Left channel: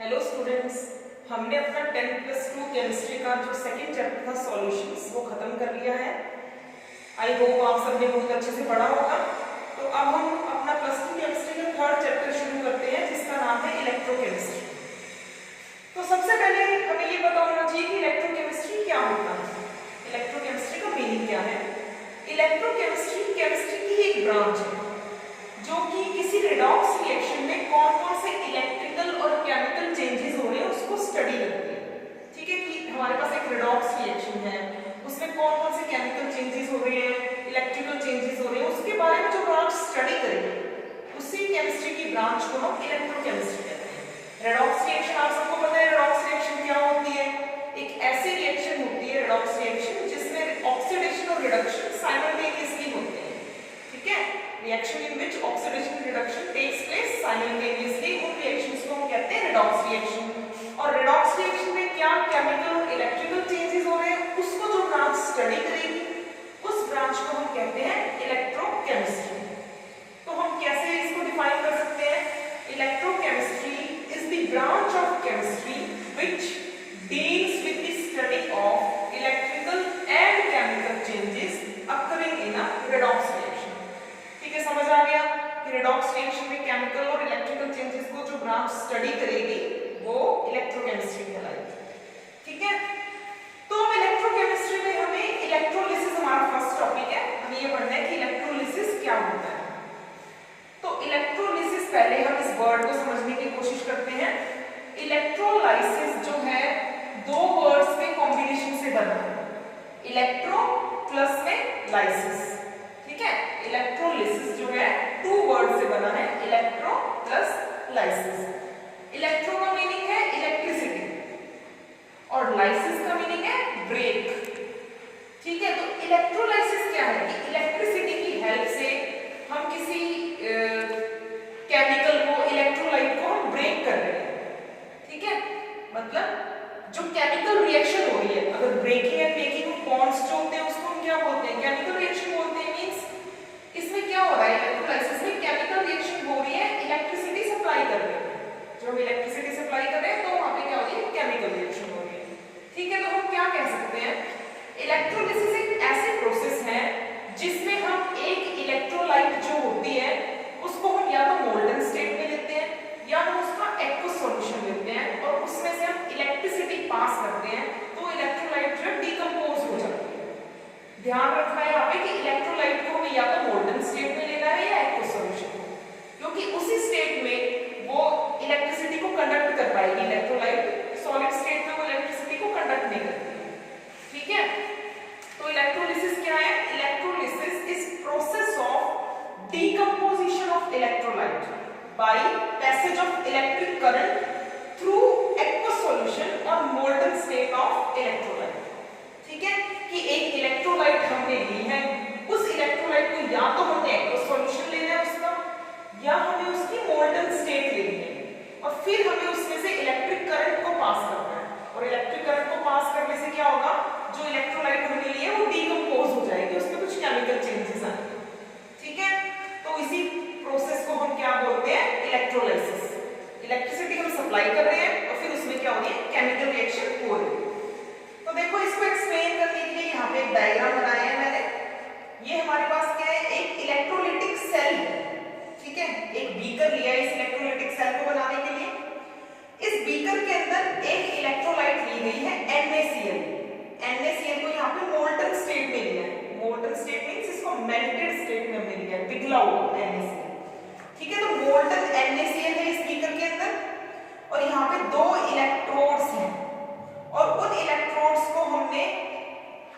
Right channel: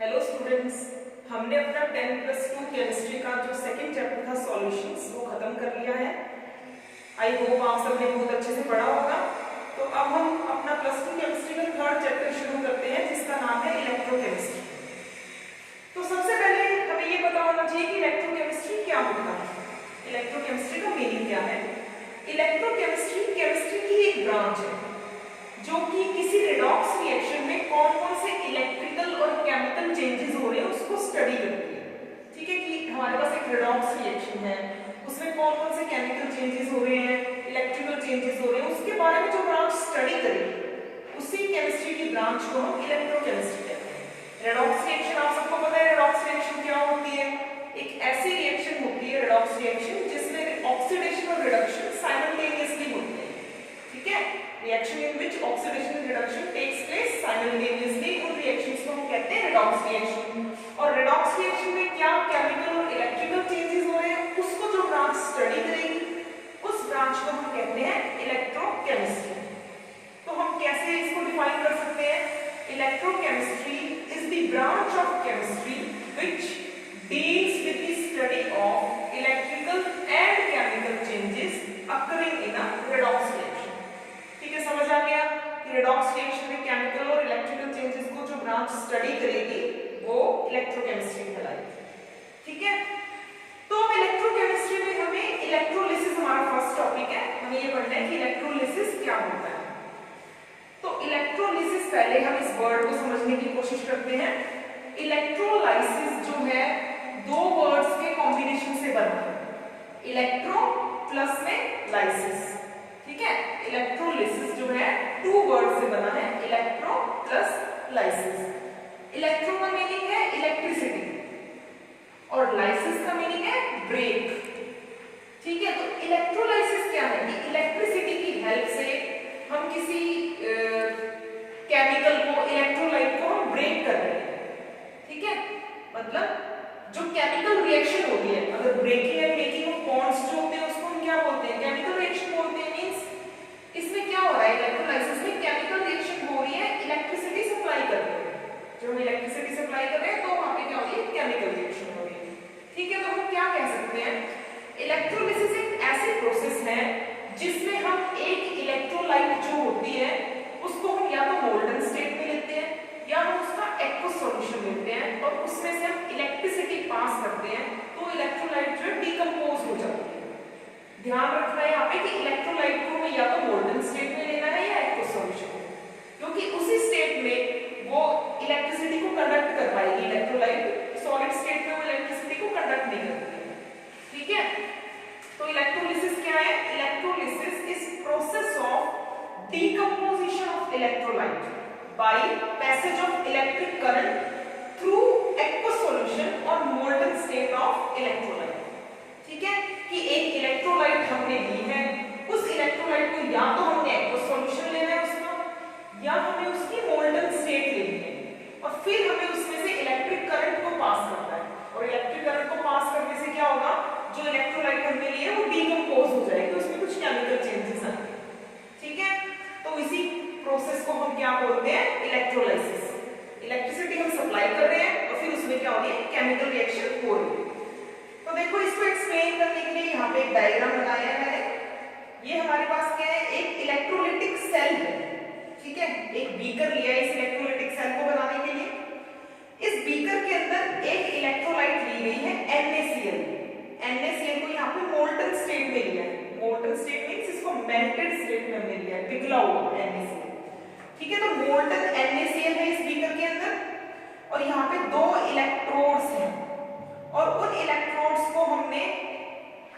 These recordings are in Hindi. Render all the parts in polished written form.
हेलो स्टूडेंट्स, हमने अपना 10+2 केमिस्ट्री का जो सेकंड चैप्टर था सॉल्यूशंस वो खत्म कर लिया है। आई होप आप सबने बहुत अच्छे से पढ़ा होगा। तो अब हम अपना +2 केमिस्ट्री का थर्ड चैप्टर शुरू करते हैं जिसका नाम है इलेक्ट्रोकेमिस्ट्री। तो सबसे पहले हमें ये पता होना चाहिए कि इलेक्ट्रोकेमिस्ट्री क्या होता है, इलेक्ट्रोकेमिस्ट्री का मीनिंग क्या है। इलेक्ट्रोकेमिस्ट्री केमिस्ट्री की एक ब्रांच है जो कि किसी रेडॉक्स रिएक्शन में कौन कौन से इलेक्ट्रिकल और केमिकल चेंजेस हो रहे हैं उसको स्टडी करती है। ठीक है कि हमारे पास एक रेडॉक्स रिएक्शन है, उसमें कौन कौन से केमिकल चेंजेस हो रहे हैं, इलेक्ट्रिकल चेंजेस हो रहे हैं, उसके बारे में जो ब्रांच स्टडी करेगी उसी केमिस्ट्री की ब्रांच को हम इलेक्ट्रोकेमिस्ट्री कहते हैं। रेडॉक्स रिएक्शन आप सबको पता है, रेडॉक्स रिएक्शन क्या होती है। एक ऐसी रिएक्शन होती है रेडॉक्स रिएक्शन जिसमें ऑक्सीडेशन और रिडक्शन साइमल्टेनियसली होते हैं। ठीक है, reaction in which oxidation and reduction takes place simultaneously, उन reactions को हम कहते हैं redox reaction। और redox reaction में क्या chemical और electrical changes हो रहे हैं उसको जो ब्रांच स्टडी करेगी उस ब्रांच को हम कहते हैं इलेक्ट्रोकेमिस्ट्री। तो हम कैसे इसको डिफाइन कर सकते हैं, electrochemistry is the branch of chemistry which deals with the study of electrical and chemical changes occurring in a redox reaction। ठीक है, समझ आ गया कि रेडॉक्स रिएक्शन में केमिकल और इलेक्ट्रिकल चेंजेस को जो ब्रांच स्टडी करेगी वो इलेक्ट्रोकेमिस्ट्री कहलाएगी। ठीक है, तो अब इलेक्ट्रोकेमिस्ट्री में हमें इलेक्ट्रोलिसिस हमारा फर्स्ट टॉपिक है, हमें ये पढ़ना है कि इलेक्ट्रोलिसिस क्या होता है। तो इलेक्ट्रोलिसिस पहले हम इस वर्ड को समझने की कोशिश करते हैं। इलेक्ट्रोलाइसिस जो है दो वर्ड्स के कॉम्बिनेशन से बना है, इलेक्ट्रो प्लस में लाइसिस। ठीक है, इलेक्ट्रोलिसिस जो है टू वर्ड से बना है, इलेक्ट्रो प्लस लाइसिस। इलेक्ट्रो का मीनिंग है इलेक्ट्रिसिटी और लाइसिस का मीनिंग है ब्रेक। ठीक है, तो इलेक्ट्रोलाइसिस क्या है कि इलेक्ट्रिसिटी की हेल्प से हम किसी केमिकल को, इलेक्ट्रोलाइट को हम ब्रेक कर रहे हैं। ठीक है, मतलब जो केमिकल रिएक्शन हो रही है, अगर breaking and making of bonds जो होते हैं उसको हम क्या बोलते हैं, केमिकल रिएक्शन बोलते हैं। मींस इसमें क्या हो रहा है, इलेक्ट्रोलाइसिस में केमिकल रिएक्शन हो रही है, इलेक्ट्रिसिटी सप्लाई कर रहे हैं। जब हम इलेक्ट्रिसिटी सप्लाई कर रहे हैं तो वहां पे क्या हो रही है, केमिकल रिएक्शन हो रही है। ठीक है, तो हम क्या कह सकते हैं, इलेक्ट्रोलिसिस एक ऐसी प्रोसेस है जिसमें हम एक इलेक्ट्रोलाइट जो होती है उसको हम या तो मोल्टन स्टेट में लेते हैं या हम उसका एक्वस सॉल्यूशन लेते हैं और उसमें से हम इलेक्ट्रिसिटी पास करते हैं तो इलेक्ट्रोलाइट जो है डिकम्पोज हो जाती है। ध्यान रखना है यहाँ पे कि इलेक्ट्रोलाइट को हमें या तो मोल्टन स्टेट में लेना है या एक्वस सॉल्यूशन, क्योंकि उसी स्टेट में वो इलेक्ट्रिसिटी को कंडक्ट कर पाएगी। इलेक्ट्रोलाइट सॉलिड स्टेट में वो इलेक्ट्रिसिटी को कंडक्ट नहीं करती है। ठीक है, तो इलेक्ट्रोलिसिस क्या है, electrolysis is process of decomposition of electrolyte by passage of electric current through aqueous solution or molten state of electrolyte। ठीक है, कि एक इलेक्ट्रोलाइट हमने ली है, उस इलेक्ट्रोलाइट को या तो हमने aqueous solution लेना है उसका या हमें उसकी molten state लेनी है और फिर हमें उसमें से इलेक्ट्रिक करंट को पास करना है। और इलेक्ट्रिक करंट को पास करने से क्या होगा, जो इलेक्ट्रोलाइट हमने ली है वो डिकम्पोज हो जाएगी, उसमें कुछ केमिकल चेंजेस आएंगे। ठीक है, तो इसी प्रोसेस को हम क्या बोलते हैं, इलेक्ट्रोलाइसिस। इलेक्ट्रिसिटी हम सप्लाई कर रहे हैं और फिर उसमें क्या हो रही है, केमिकल रिएक्शन हो रही है। तो देखो इसको एक्सप्लेन करने के लिए यहाँ पे एक डायग्राम बनाया है मैंने। ये हमारे पास क्या है, एक इलेक्ट्रोलाइटिक सेल है। ठीक है, एक बीकर लिया है इस इलेक्ट्रोलाइटिक सेल को बनाने के लिए। इस बीकर के अंदर एक इलेक्ट्रोलाइट ली गई है NaCl। NaCl को यहाँ पे मोल्टन स्टेट में लिया है। मोल्टन स्टेट मींस इसको मेल्टेड स्टेट में हमने लिया है, पिघला हुआ NaCl। ठीक है, तो मोल्टन NaCl है इस बीकर के अंदर और यहाँ पे दो इलेक्ट्रोड्स हैं और उन इलेक्ट्रोड्स को हमने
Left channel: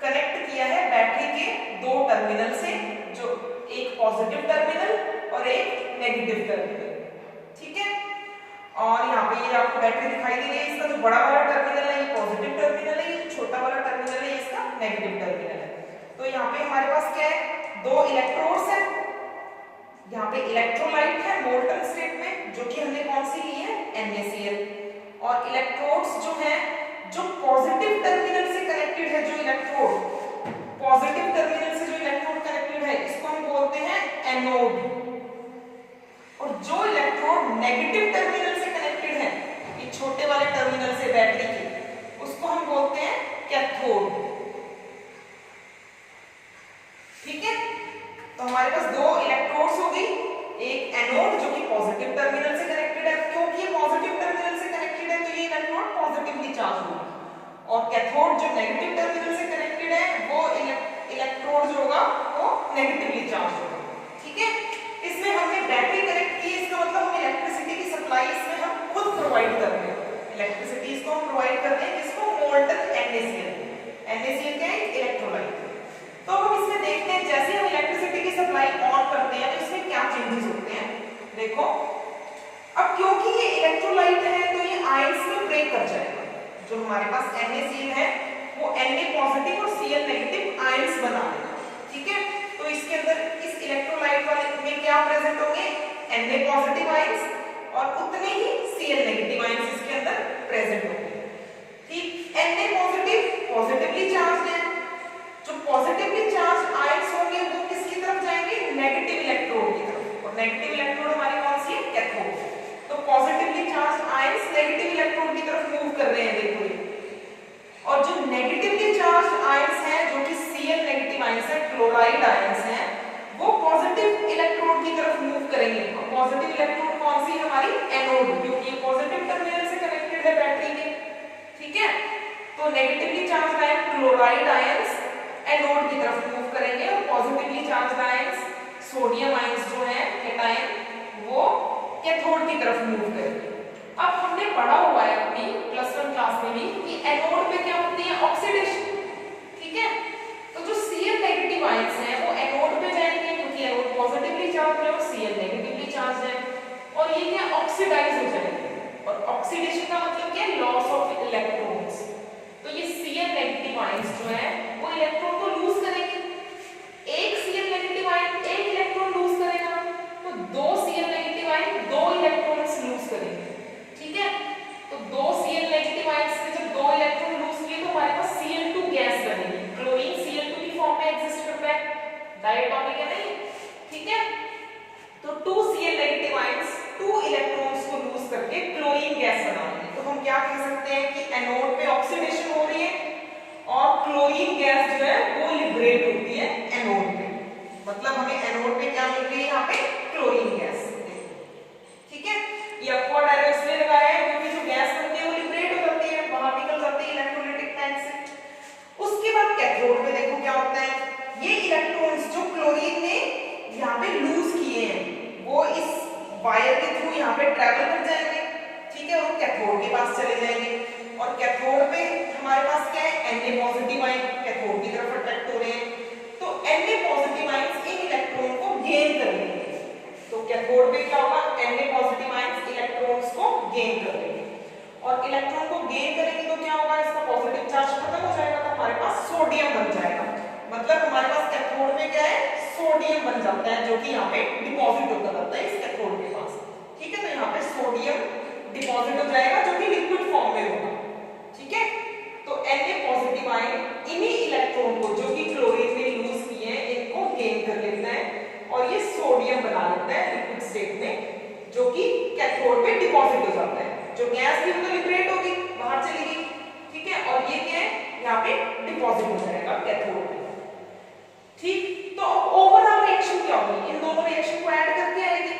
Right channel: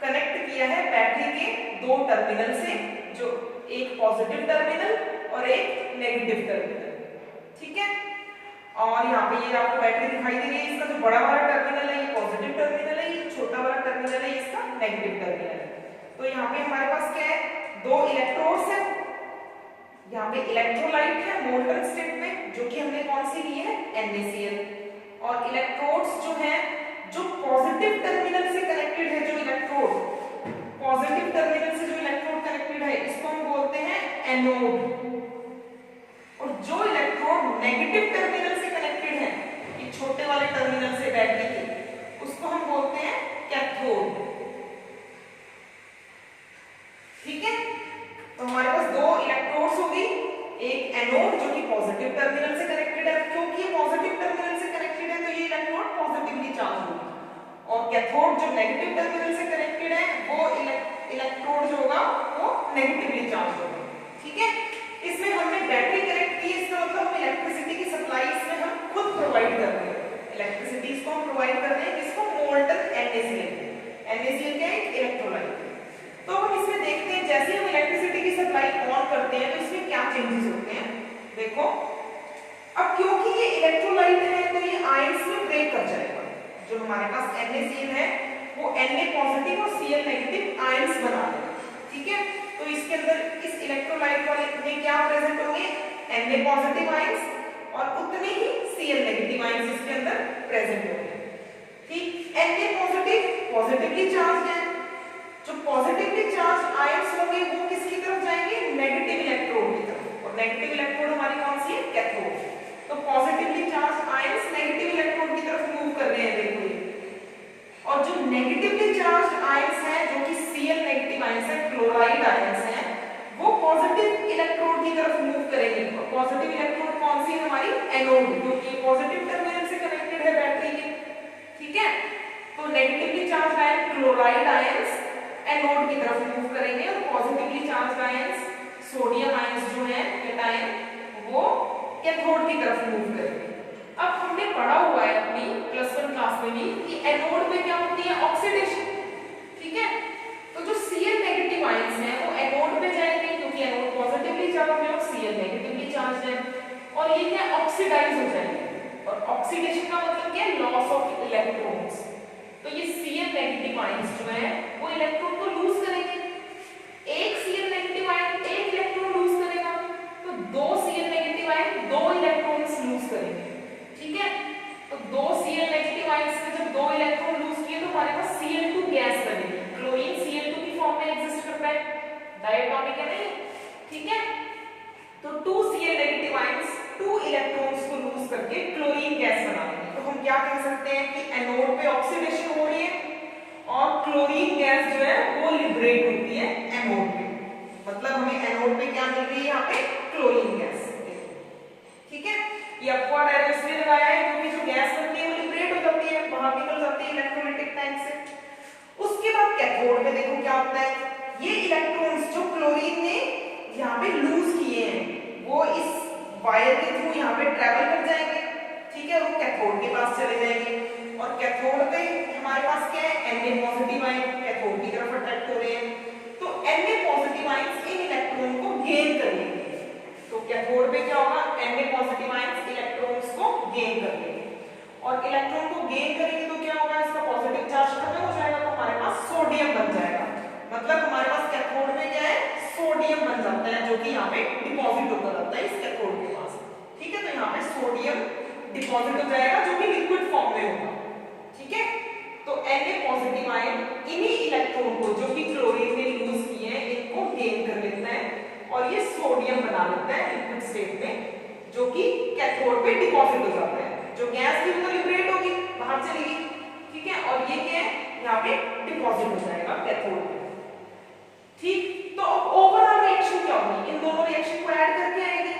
कनेक्ट किया है बैटरी के दो टर्मिनल से, जो एक पॉजिटिव टर्मिनल और एक नेगेटिव टर्मिनल। ठीक है, और यहाँ पे ये आपको बैटरी दिखाई दे रही है, इसका जो बड़ा वाला टर्मिनल है ये पॉजिटिव टर्मिनल है, ये छोटा वाला टर्मिनल है इसका नेगेटिव टर्मिनल है। तो यहाँ पे हमारे पास क्या है, दो इलेक्ट्रोड्स हैं। यहाँ पे इलेक्ट्रोलाइट है मोल्टन स्टेट में जो कि हमने कौन सी ली है, NaCl। और इलेक्ट्रोड्स जो हैं जो पॉजिटिव टर्मिनल से कनेक्टेड है, जो इलेक्ट्रोड पॉजिटिव टर्मिनल से जो इलेक्ट्रोड कनेक्टेड है इसको हम बोलते हैं एनोड। और जो इलेक्ट्रोड नेगेटिव टर्मिनल से कनेक्टेड है, ये छोटे चार्ज होगी, और कैथोड जो नेगेटिव टर्मिनल से कनेक्टेड है वो इलेक्ट्रोड जो होगा वो नेगेटिवली चार्ज होगा। ठीक है, इसमें हमने बैटरी कनेक्ट की, इसका मतलब हम इलेक्ट्रिसिटी की सप्लाई इसमें हम खुद प्रोवाइड कर रहे हैं, इलेक्ट्रिसिटी इसको हम प्रोवाइड कर रहे हैं, किसको, मोल्टन NaCl। NaCl क्या है, इलेक्ट्रोलाइट। तो हम इसमें देखते हैं जैसे हम इलेक्ट्रिसिटी की सप्लाई ऑन करते हैं तो इसमें क्या चेंजेस होते हैं। देखो, अब क्योंकि ये इलेक्ट्रोलाइट है तो ये आयंस में ब्रेक कर जाएगा, जो हमारे पास NaCl है वो Na पॉजिटिव और Cl नेगेटिव आयंस बना देगा। ठीक है, तो इसके अंदर इस इलेक्ट्रोलाइट वाले में क्या प्रेजेंट होंगे, Na पॉजिटिव आयंस और उतने ही Cl नेगेटिव आयंस इसके अंदर प्रेजेंट होंगे। ठीक, Na पॉजिटिव पॉजिटिवली चार्ज है, जो पॉजिटिवली चार्ज आयंस होंगे वो किसकी तरफ जाएंगे, नेगेटिव इलेक्ट्रोड की तरफ, और नेगेटिव इलेक्ट्रोड हमारी कौन सी है, कैथोड। तो positively charge ions negative electrode की तरफ मूव कर रहे हैं, देखो ये, और जो नेगेटिवली चार्ज आयंस हैं जो कि Cl नेगेटिव आयंस है, क्लोराइड आयंस हैं, वो पॉजिटिव इलेक्ट्रोड की तरफ मूव करेंगे। और पॉजिटिव इलेक्ट्रोड कौन सी है, हमारी एनोड, क्योंकि ये पॉजिटिव टर्मिनल से कनेक्टेड है बैटरी के। ठीक है, तो negatively charge ion chloride ions anode की तरफ मूव करेंगे, और positively charge ions sodium ions जो है कैटायन वो कैथोड की तरफ मूव करेंगे। अब हमने पढ़ा हुआ है अपनी +1 क्लास में भी कि एनोड पे क्या होती है, ऑक्सीडेशन। ठीक है, तो जो Cl नेगेटिव आयंस हैं वो एनोड पे जाएंगे, क्योंकि एनोड पॉजिटिवली चार्ज है और Cl नेगेटिवली चार्ज है, और ये क्या ऑक्सीडाइज हो जाएंगे। और ऑक्सीडेशन का मतलब क्या है, लॉस ऑफ इलेक्ट्रॉन्स। तो ये Cl नेगेटिव आयंस जो है वो इलेक्ट्रॉन को लूज करेंगे, एक Cl नेगेटिव आयन एक इलेक्ट्रॉन लूज करेगा, तो दो Cl नेगेटिव आयन दो इलेक्ट्रॉन्स लूज करेंगे। ठीक है, तो दो Cl नेगेटिव आयंस से जब दो इलेक्ट्रॉन लूज किए तो हमारे पास Cl2 गैस बनेगी। क्लोरीन Cl2 की फॉर्म में एग्जिस्ट करता है, डायटोमिक है नहीं। ठीक है, तो 2 Cl नेगेटिव आयंस 2 इलेक्ट्रॉन्स को लूज करके क्लोरीन गैस बनाएंगे। तो हम क्या कह सकते हैं कि एनोड पे ऑक्सीडेशन हो रही है और क्लोरीन गैस जो है वो लिबरेट होती है एनोड पे, मतलब हमें एनोड पे क्या मिल रही है, यहाँ पे क्लोरीन गैस। ठीक है, ये अपवर्ड एरो इसलिए लगाया है क्योंकि जो गैस बनती है वो लिबरेट हो जाती है, बाहर निकल जाती है इलेक्ट्रोलाइटिक टैंक से। उसके बाद कैथोड पे देखो क्या होता है, ये इलेक्ट्रॉन्स जो क्लोरीन ने यहाँ पे लूज किए हैं वो इस वायर के थ्रू यहाँ पे ट्रेवल कर जाएंगे। ठीक है, वो कैथोड के पास चले जाएंगे, और कैथोड पे हमारे पास क्या है, Na पॉजिटिव आयन कैथोड की तरफ अट्रैक्ट हो रहे हैं, तो Na positive ions in electron को गेन करेंगे। तो कैथोड पे क्या होगा, Na पॉजिटिव आयंस इलेक्ट्रॉन्स को गेन कर लेंगे, और इलेक्ट्रॉन को गेन करेंगे तो क्या होगा, इसका पॉजिटिव चार्ज खत्म हो जाएगा, तो हमारे पास सोडियम बन जाएगा। मतलब हमारे पास कैथोड में क्या है, सोडियम बन जाता है, जो कि यहाँ पे डिपॉजिट होता जाता है इस कैथोड के पास। ठीक है, तो यहाँ पे सोडियम डिपॉजिट हो जाएगा जो कि लिक्विड फॉर्म में होगा। ठीक है, तो Na पॉजिटिव आयन इन्हीं इलेक्ट्रॉन को जो कि क्लोरीन ने यूज किए हैं इनको गेन कर लेता है, और ये सोडियम बना लेता है लिक्विड स्टेट में, जो कि कैथोड पे डिपॉजिट हो जाता है। जो गैस थी वो तो लिबरेट होगी, बाहर चली गई। ठीक है, और ये क्या है, यहाँ पे डिपॉजिट हो जाएगा कैथोड पे। ठीक, तो ओवरऑल रिएक्शन क्या होगी, इन दोनों रिएक्शन को ऐड करके आएगी।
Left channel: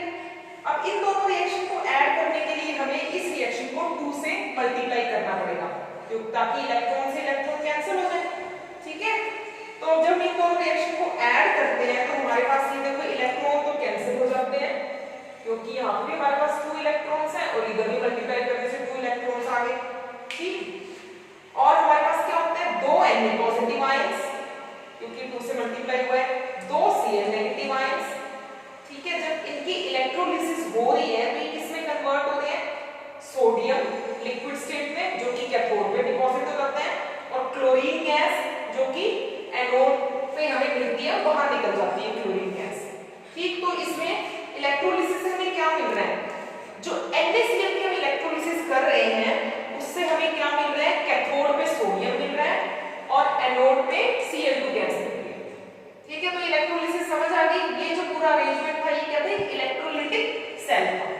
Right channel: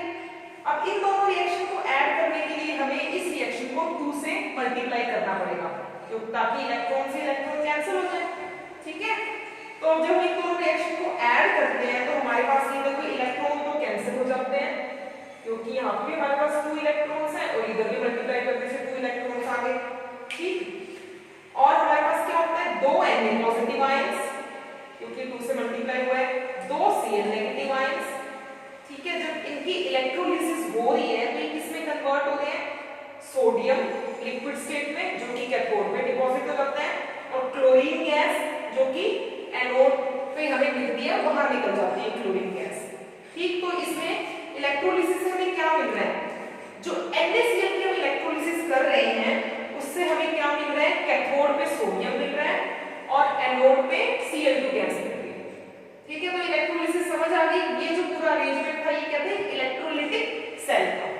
अब इन दोनों रिएक्शन को ऐड करने के लिए हमें इस रिएक्शन को 2 से मल्टीप्लाई करना पड़ेगा, ताकि इलेक्ट्रॉन से इलेक्ट्रॉन कैंसिल हो जाए। ठीक है, तो जब इन दोनों रिएक्शन को ऐड करते हैं तो हमारे पास ये देखो इलेक्ट्रॉन तो कैंसिल हो जाते हैं, क्योंकि यहाँ पे हमारे पास 2 इलेक्ट्रॉन्स हैं और इधर भी मल्टीप्लाई करने से 2 इलेक्ट्रॉन्स आ गए। ठीक, और हमारे पास क्या होता है, 2 Na पॉजिटिव आयंस, क्योंकि 2 से मल्टीप्लाई हुआ है, 2 Cl नेगेटिव आयंस। ठीक है, जब इनकी इलेक्ट्रोलिसिस हो रही है तो ये किसमें कन्वर्ट हो रहे हैं, सोडियम लिक्विड स्टेट में, जो कि कैथोड में डिपॉजिट हो जाते हैं, और क्लोरीन गैस जो कि एनोड पे हमें मिलती है बाहर निकल जाती है क्लोरीन गैस। ठीक, तो इसमें इलेक्ट्रोलिसिस से हमें क्या मिल रहा है, जो NaCl की हम इलेक्ट्रोलिसिस कर रहे हैं उससे हमें क्या मिल रहा है, कैथोड पे सोडियम मिल रहा है और एनोड पे Cl2 गैस मिल रही है। ठीक है, तो इलेक्ट्रोलिसिस समझ आ गई। ये जो पूरा अरेंजमेंट था ये क्या था, इलेक्ट्रोलिटिक सेल था।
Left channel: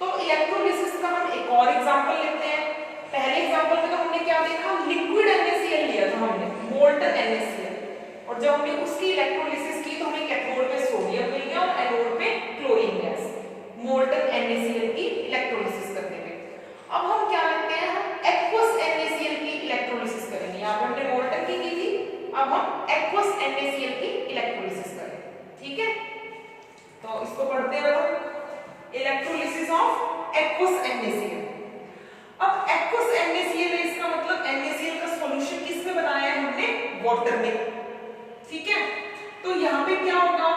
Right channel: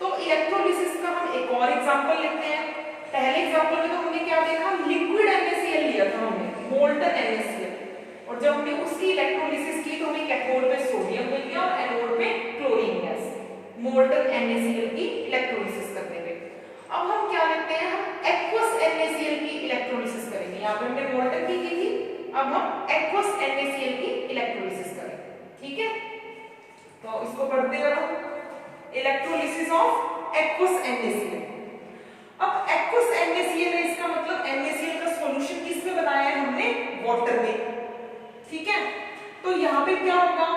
तो इलेक्ट्रोलिसिस का हम एक और एग्जांपल लेते हैं। पहले एग्जांपल में तो हमने क्या देखा, लिक्विड NaCl लिया था हमने, मोल्टन NaCl, और जब हमने उसकी इलेक्ट्रोलिसिस की तो हमें कैथोड पे सोडियम मिल गया और एनोड पे क्लोरीन गैस, मोल्टन NaCl की इलेक्ट्रोलिसिस करने पे। अब हम क्या लेते हैं, हम एक्वस NaCl NaCl की इलेक्ट्रोलिसिस करें। ठीक है, तो इसको पढ़ते हो, इलेक्ट्रोलिसिस ऑफ एक्वस NaCl। अब एक्वस NaCl है, इसका मतलब NaCl का सॉल्यूशन किस में बनाया है हमने, वाटर में। ठीक है, तो यहाँ पे क्या होगा,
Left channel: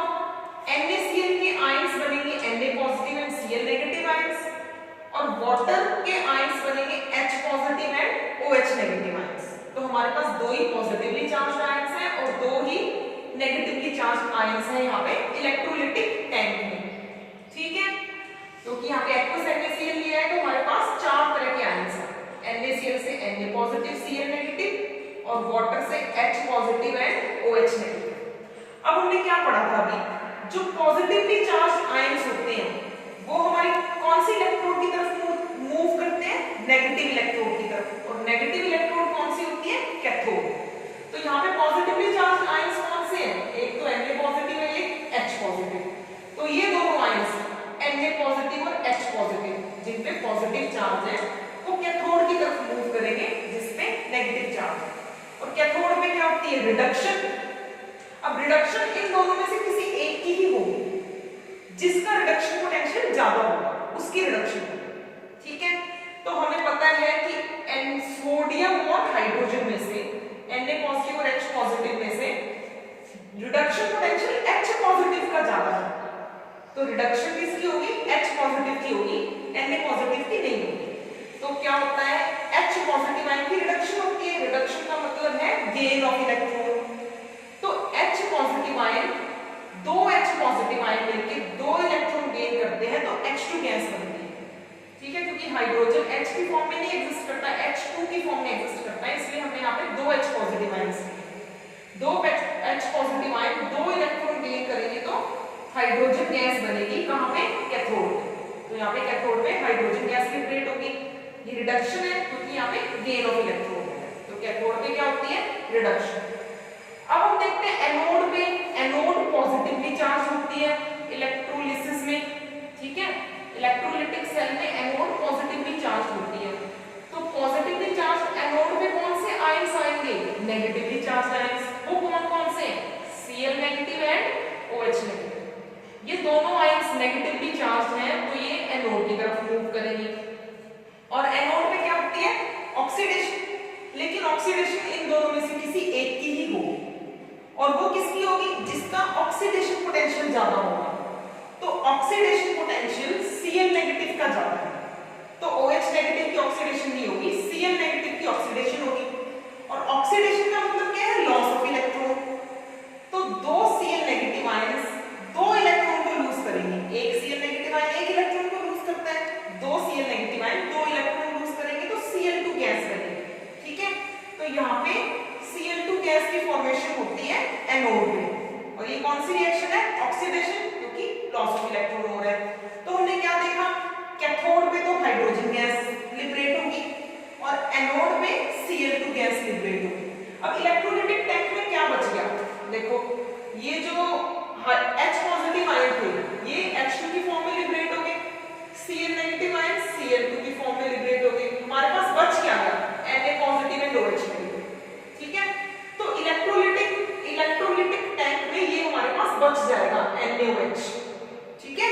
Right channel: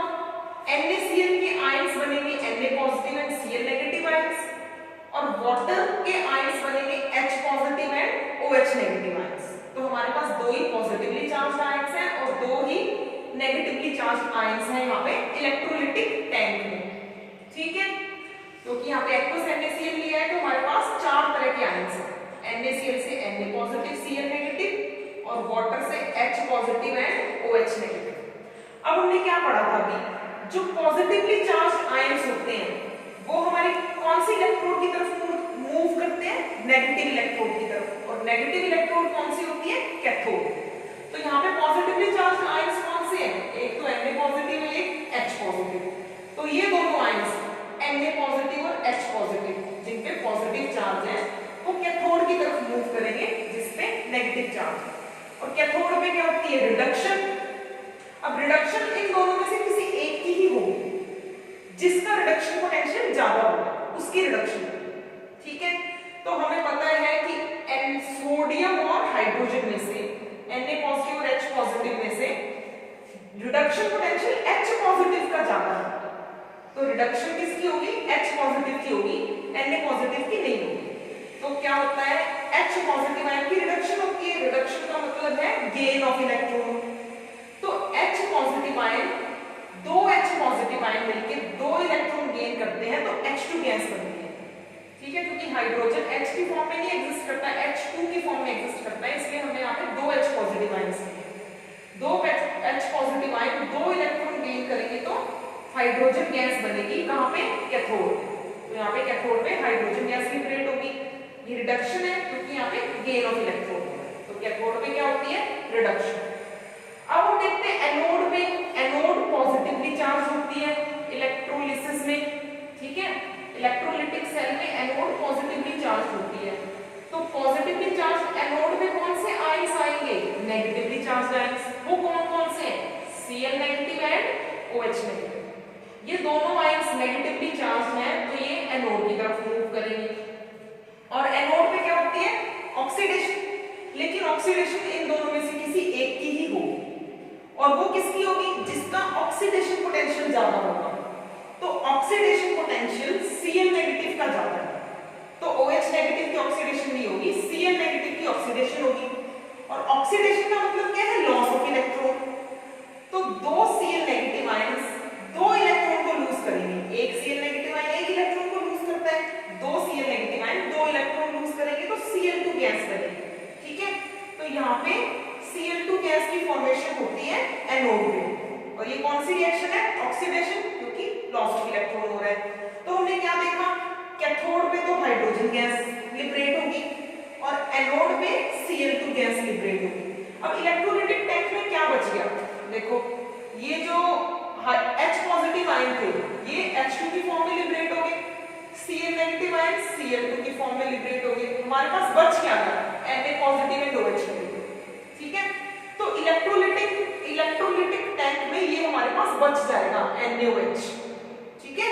NaCl के आयंस बनेंगे Na positive and Cl negative ions, और वाटर के आयंस बनेंगे H positive and OH negative ions. तो हमारे पास दो ही पॉजिटिवली चार्ज आयंस हैं और दो ही नेगेटिवली चार्ज आयंस हैं यहाँ पे इलेक्ट्रोलिटिक टैंक में। ठीक है, क्योंकि यहाँ पे एक्वस NaCl लिया है तो हमारे पास चार तरह के आयंस हैं, NaCl से Na पॉजिटिव Cl नेगेटिव और वाटर से H positive and OH negative. अब हमने क्या पढ़ा था अभी, जो पॉजिटिवली चार्ज आयंस होते हैं वो हमारी कौन सी इलेक्ट्रोड की तरफ मूव करते हैं, नेगेटिव इलेक्ट्रोड की तरफ, और नेगेटिव इलेक्ट्रोड कौन सी होती है, कैथोड। तो यहाँ पे पॉजिटिवली चार्ज आयंस कौन से हैं, एक तो Na पॉजिटिव है, एक H पॉजिटिव। तो ये दोनों आयंस Na पॉजिटिव और H पॉजिटिव जिन पे पॉजिटिव चार्ज है वो कैथोड की तरफ मूव करेंगे जिसपे नेगेटिव चार्ज है। और कैथोड में क्या होती है, रिडक्शन। अब रिडक्शन इन दोनों में से किसी एक की ही होगी, जिसका रिडक्शन पोटेंशियल ज्यादा होगा उसकी रिडक्शन। ठीक है, तो हमें पता है कि सोडियम और हाइड्रोजन में से Na पॉजिटिव और H पॉजिटिव में से रिडक्शन पोटेंशियल H पॉजिटिव का ज्यादा है, तो रिडक्शन किसकी होगी, H पॉजिटिव की होगी, Na पॉजिटिव की नहीं होगी। तो क्या होता है, H पॉजिटिव आयन की रिडक्शन होती है, रिडक्शन का मतलब है गेन ऑफ इलेक्ट्रॉन। तो H पॉजिटिव आयन, दो H पॉजिटिव आयन मिलकर दो इलेक्ट्रॉन गेन करते हैं तो H2 गैस बनती है। ठीक है, क्योंकि हाइड्रोजन H की फॉर्म में नहीं एग्जिस्ट करता, H2 की फॉर्म में एग्जिस्ट करता है, इसलिए हमने यहाँ पे दो H पॉजिटिव आयन लिए। दो H पॉजिटिव आयन दो इलेक्ट्रॉन गेन करेंगे तो हाइड्रोजन गैस बनेगी, कहाँ पे, कैथोड पे। तो यहाँ पे कैथोड में हाइड्रोजन गैस लिबरेट होगी, ये रिडक्शन है क्योंकि यहाँ पे गेन ऑफ इलेक्ट्रॉन है। तो कैथोड पे क्या होती है, रिडक्शन। अब हम देखते हैं एनोड में, एनोड पॉजिटिवली चार्ज होती है इलेक्ट्रोलिसिस में। ठीक है, इलेक्ट्रोलिटिक सेल में एनोड पॉजिटिवली चार्ज होती है। तो पॉजिटिवली चार्ज एनोड में कौन से आयंस आएंगे, नेगेटिवली चार्ज आयंस। वो कौन से, Cl negative and OH negative. ये दोनों आयंस नेगेटिवली चार्ज हैं तो ये एनोड की तरफ मूव करेंगी। और एनोड में क्या होती है, ऑक्सीडेशन। लेकिन ऑक्सीडेशन इन दोनों में से किसी एक की ही होगी, और वो किसकी होगी, जिसका ऑक्सीडेशन पोटेंशियल ज्यादा होगा। तो ऑक्सीडेशन पोटेंशियल Cl नेगेटिव का ज्यादा है, तो OH नेगेटिव की ऑक्सीडेशन नहीं होगी, Cl नेगेटिव की ऑक्सीडेशन होगी। और ऑक्सीडेशन का मतलब क्या है, लॉस ऑफ इलेक्ट्रॉन। तो दो Cl नेगेटिव आयंस दो इलेक्ट्रॉन को लूज करेंगे, एक Cl नेगेटिव आयन एक इलेक्ट्रॉन को लूज करता है, दो Cl नेगेटिव आयन दो इलेक्ट्रॉन लूज करेंगे तो Cl2 गैस बनेगी। ठीक है, तो यहाँ पे Cl2 गैस की फॉर्मेशन होती है एनोड में, और ये कौन सी रिएक्शन है, ऑक्सीडेशन, क्योंकि लॉस ऑफ इलेक्ट्रॉन हो रहा है। तो हमने क्या देखा, कैथोड पे तो हाइड्रोजन गैस लिबरेट होगी और एनोड पे Cl2 गैस लिबरेट होगी। अब इलेक्ट्रोलिटिक टैंक में क्या बच गया, देखो ये जो H पॉजिटिव आयन थे ये H2 की फॉर्म में लिबरेट हो गए, Cl नेगेटिव आयन Cl2 की फॉर्म में लिबरेट हो गए। हमारे पास बच क्या गया, Na positive and OH negative. ठीक है, तो इलेक्ट्रोलिटिक टैंक में ये हमारे पास बच जाएगा NaOH। ठीक है,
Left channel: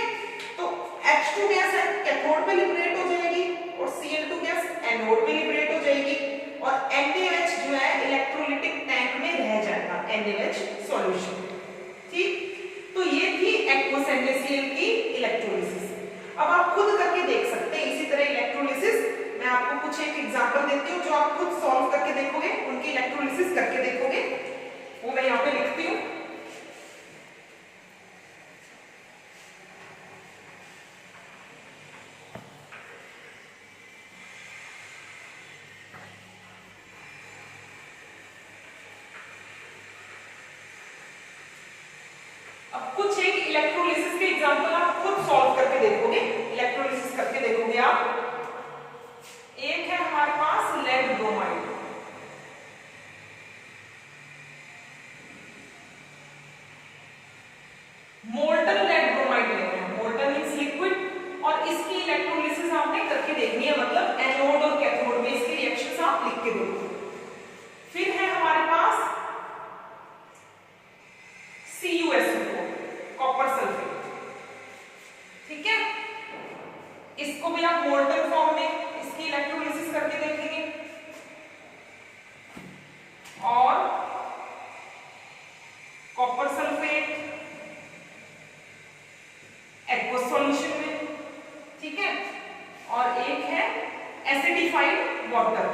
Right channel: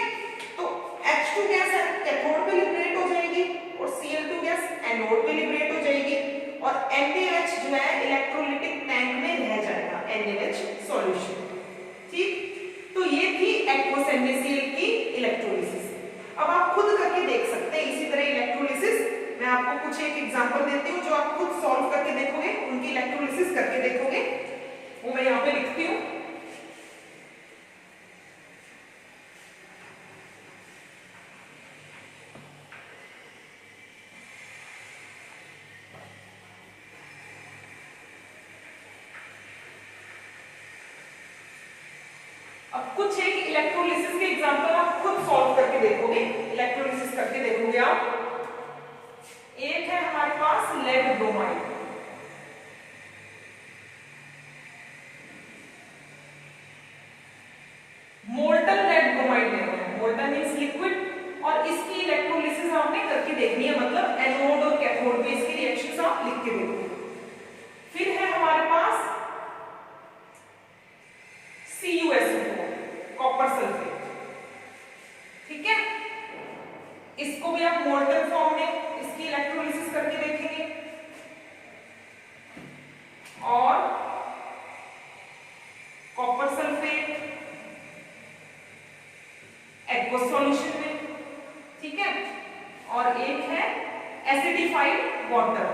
तो H2 गैस कैथोड पे लिबरेट हो जाएगी और Cl2 गैस एनोड पे लिबरेट हो जाएगी, और NaOH जो है इलेक्ट्रोलिटिक टैंक में रह जाएगा, NaOH सॉल्यूशन। ठीक, तो ये थी एक्वस NaCl की इलेक्ट्रोलिसिस। अब आप खुद करके देख सकते हैं इसी तरह इलेक्ट्रोलिसिस। मैं आपको कुछ एक एग्जांपल देती हूँ जो आप खुद सॉल्व करके देखोगे, उनकी इलेक्ट्रोलिसिस करके देखोगे, वो मैं यहाँ पे लिखती हूँ। अब कुछ एक इलेक्ट्रोलिसिस के एग्जांपल आप खुद सॉल्व करके देखोगे, इलेक्ट्रोलिसिस करके देखोगे आप। एक है हमारे पास lead bromide, molten lead bromide ले रहे हैं, मोल्टन मींस लिक्विड, और इसकी इलेक्ट्रोलिसिस आपने करके देखनी है, मतलब एनोड और कैथोड में इसकी रिएक्शंस आप लिख के देखो। फिर है हमारे पास इसको भी आप मोल्टन फॉर्म में इसकी इलेक्ट्रोलिसिस करके देखेंगे और कॉपर सल्फेट एक्वस सॉल्यूशन में, ठीक है। और एक है एसिडिफाइड वाटर,